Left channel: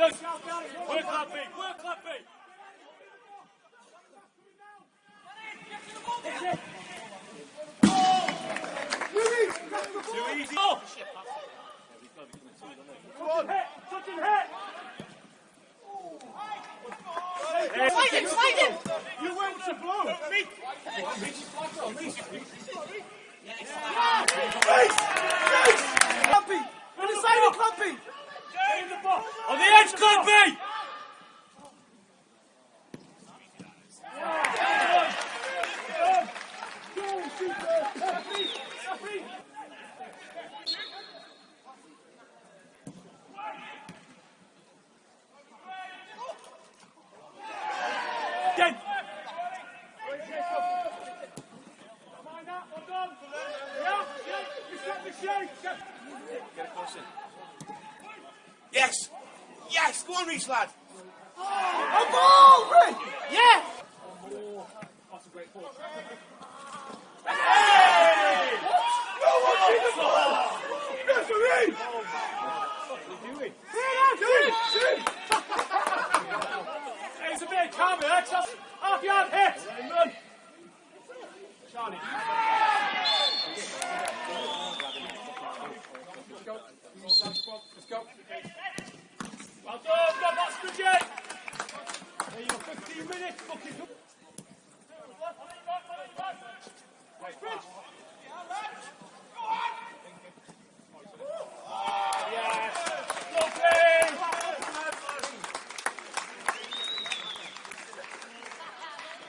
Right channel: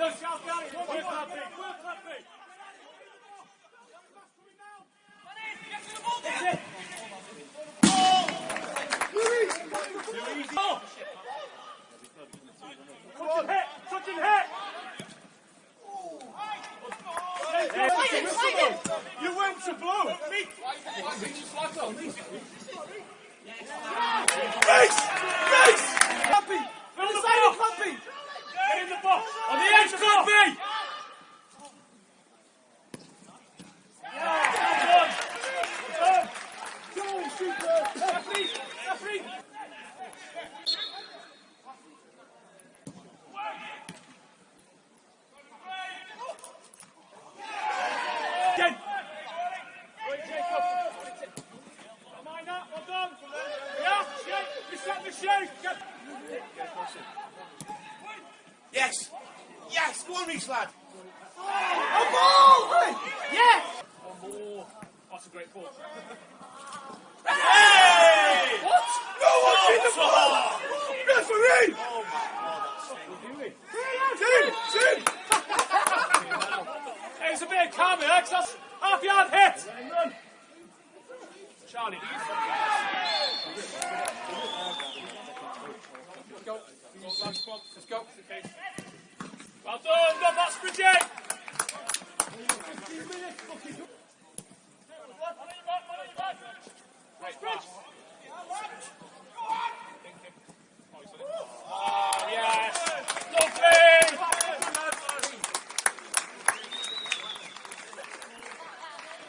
You went to blow. Clumpy! On the side of Clumpy! On the edge, Clumpy! Yes! Yes! Go on, Reece, lad! Oh, ball! Yes! Oh, that's a great ball.